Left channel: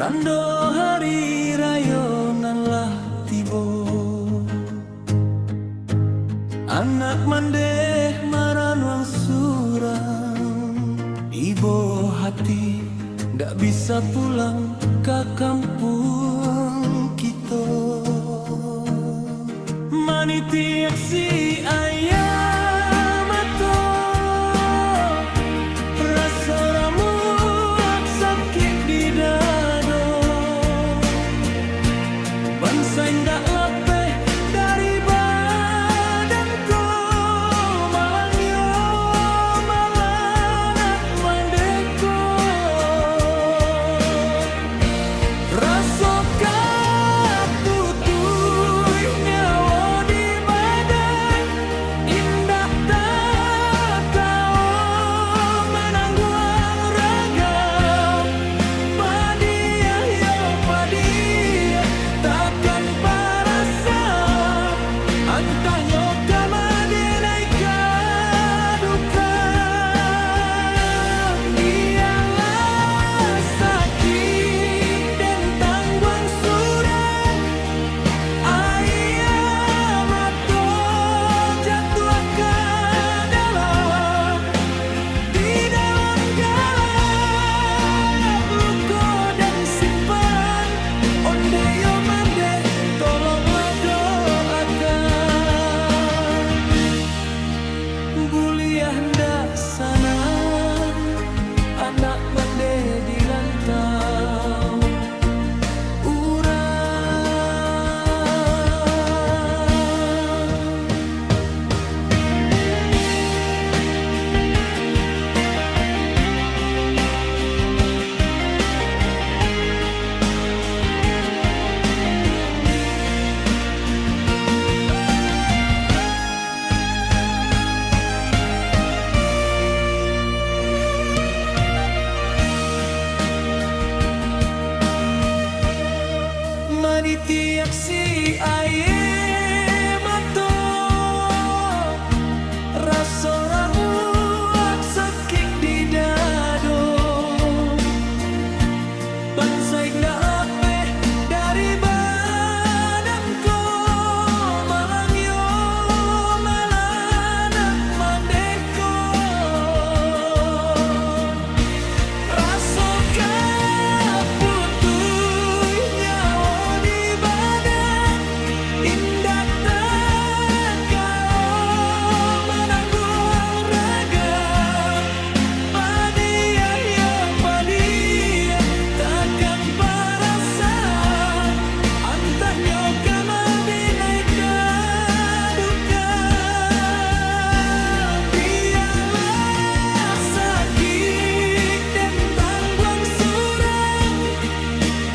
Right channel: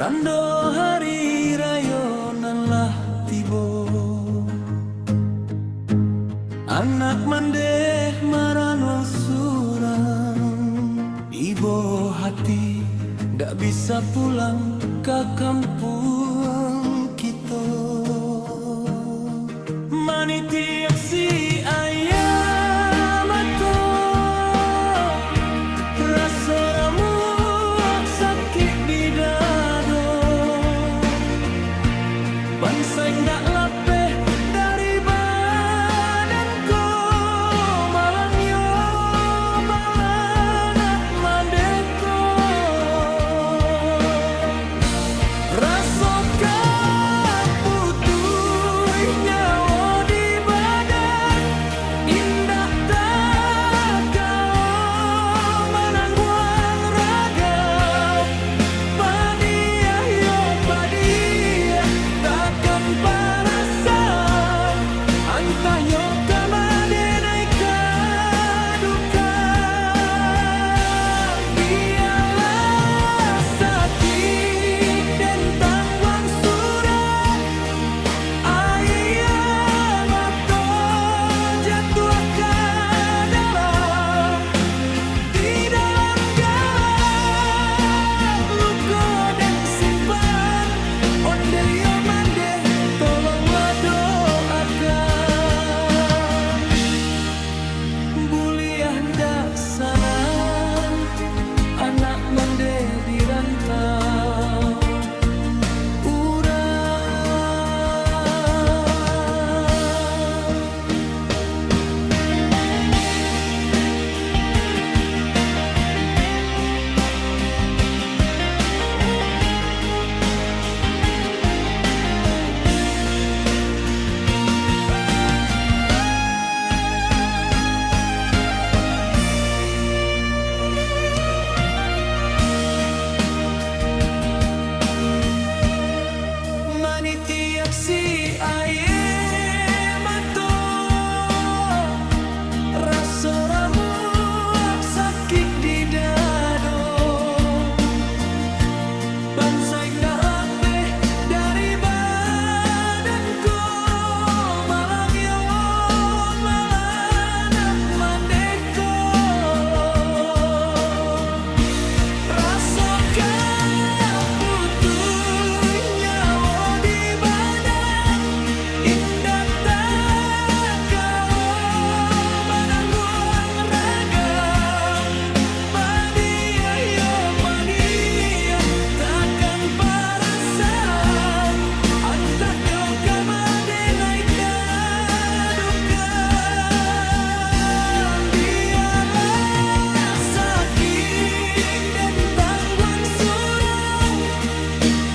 Tando hari rayo nan lah tibo, anak mandeh maranwang surang. Ibu hati ndak bisa pulang ke kampung kita. Maniti aksi ayam atau rasa ramu sakit di dado. Bangsa ndak lapeh dari badanku, malang yo malanak mandeko. Rasa kaputuh nyawa di badan, indah tak kau menangguang ragam. Padiah yo padiah takkan parasam, antah yo kamade naik kaduka. Biarlah sakit dan tangguang surang, ayam atau jatuh ke dalam. Di dalam galak luka dan simpan, onde yo mande tolonglah doakan. Buliah ndak sanang, anak mande di rantau urang. Maniti aksi ayam atau rasa ramu sakit di dado. Bansai ndak lapeh dari badanku, malang yo malanak mandeko. Rasa kaputuh nyawa di badan, indah tak kau menangguang ragam. Padiah yo padiah takkan parasam, antah nyo kamade naik kadukan. Biarlah sakit dan tangguang surang,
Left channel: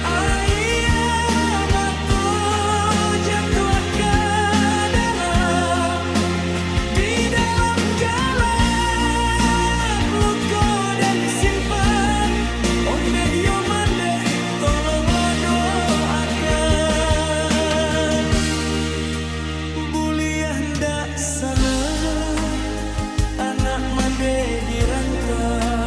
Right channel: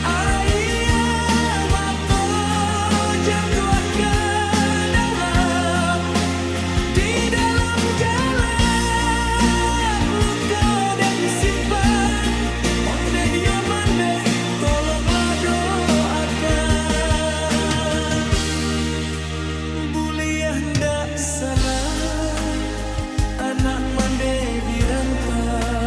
ayam atau jatuh ke dalam. Di dalam galak luka dan simpan, onde yo mande tolonglah doakan. Buliah ndak sana, anak mande di rantau